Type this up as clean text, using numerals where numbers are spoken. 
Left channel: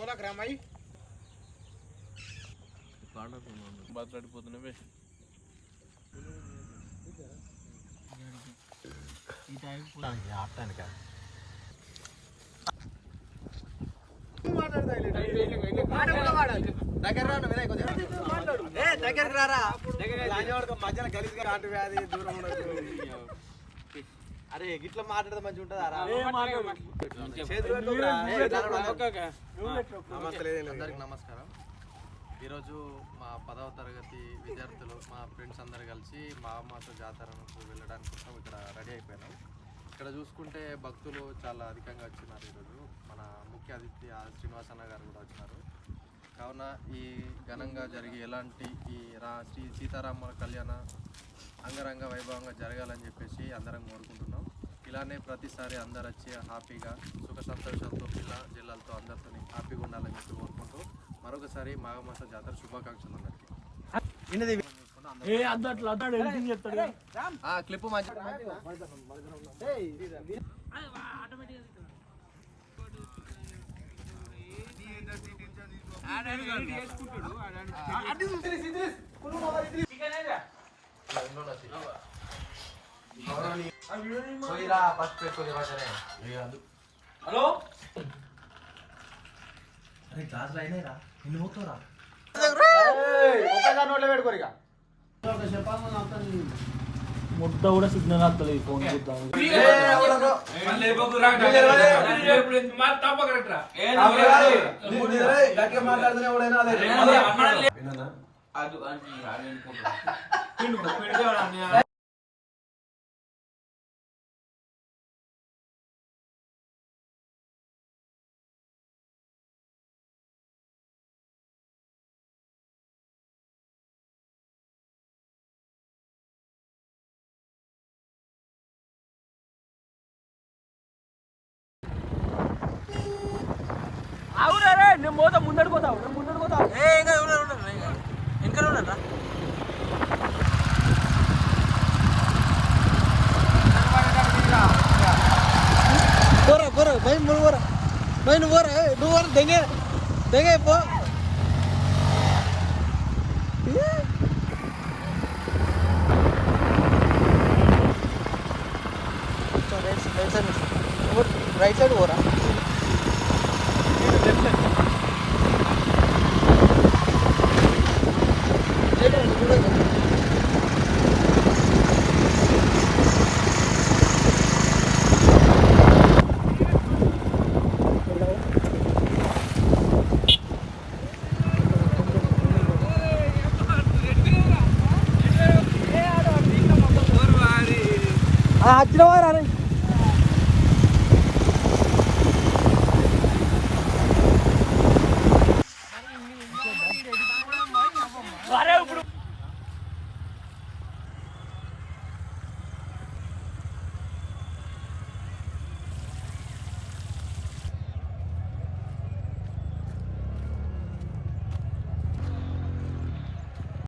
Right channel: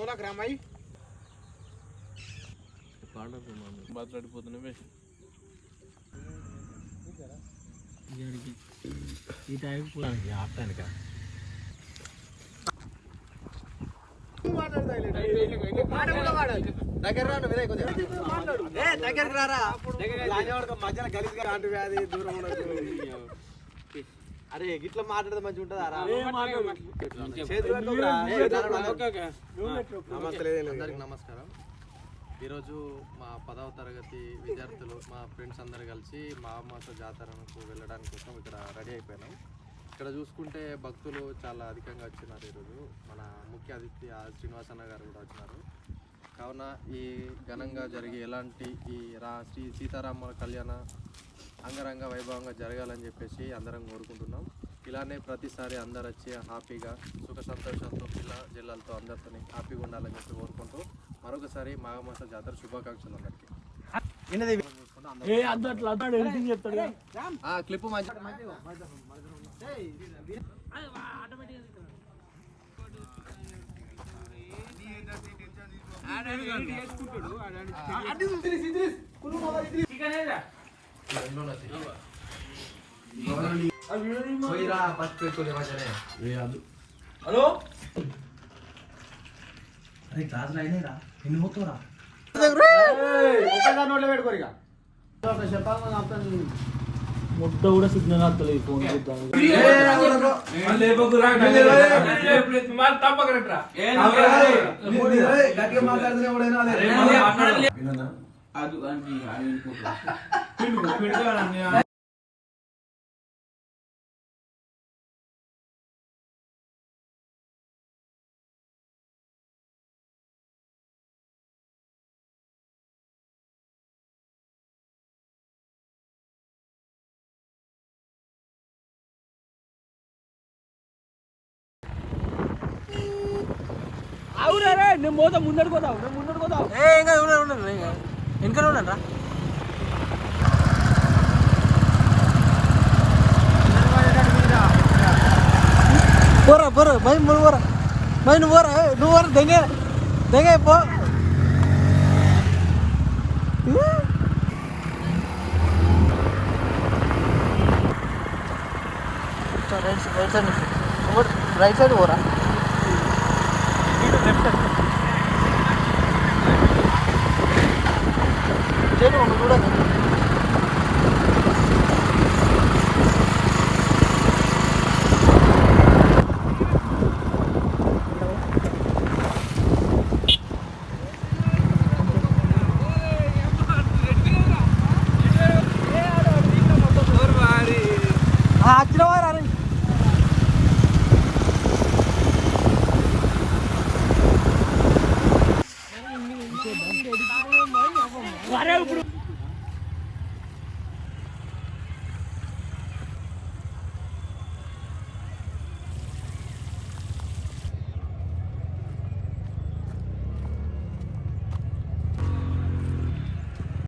ఓలాకి రామాయి బాట్లాడిపోతున్నావే ఈ టైం ఆడటానిక దగ్గరికి రారా మధ్యలో గలీజ్గా కాంటు వ్యాధి దూరం ఉండదు. అరే గిట్లా మాట్లాడితే మంచిగా ఉంటుందా? అందరికి నమస్కారం. ఈరోజు మా 10వ తరగతి విద్యార్థులు మా ఫ్రెండ్స్ అందరు కలిసి మాఘమాస జాతరకు వెళ్ళడానికి కోసం ఇక్కడ రెడీ అయిపోయినాం. ఇక్కడ చూసుకుంటే భక్తులు చాలా అధికంగా వచ్చినారు. ఈరోజు మన ముఖ్య అతిథి శ్రీనివాసన్న గారు కూడా వచ్చినారు. కావున ఈ ఘనంగా జరిగి ఎలాంటి ఈ శ్రీ సీతారాముల కళ్యాణ అంగరంగ వైభవంగా జరగాలని చెప్పేసి అందరం కోరుకుంటున్నాం. ఇలానే ప్రతిసారి అందరు వచ్చి హ్యాపీగా సుఖ సంతోషాలతో పిల్ల జిల్లాలతో అందరితో హ్యాపీగా ఉండాలని చెప్పి కోరుకుంటూ మరొకసారి మాఘమాస జాతర శుభాకాంక్షలు అందరికీ. క్లిప్ మంచి హలో అరే క్లాస్లో అయినాయిరా ఎన్ని పోతావురా ముద్ద కూడా సిగ్నల్ వస్తలేదు ఫోన్ నేను పోతా ముందడు పోతావు ఇంకా ఉండరా పోరా పోరా భయ నువ్వు పోరా భయ నువ్వు పోరా నువ్వు పోరా దెంగే పో రైట్ సైడ్ పోరా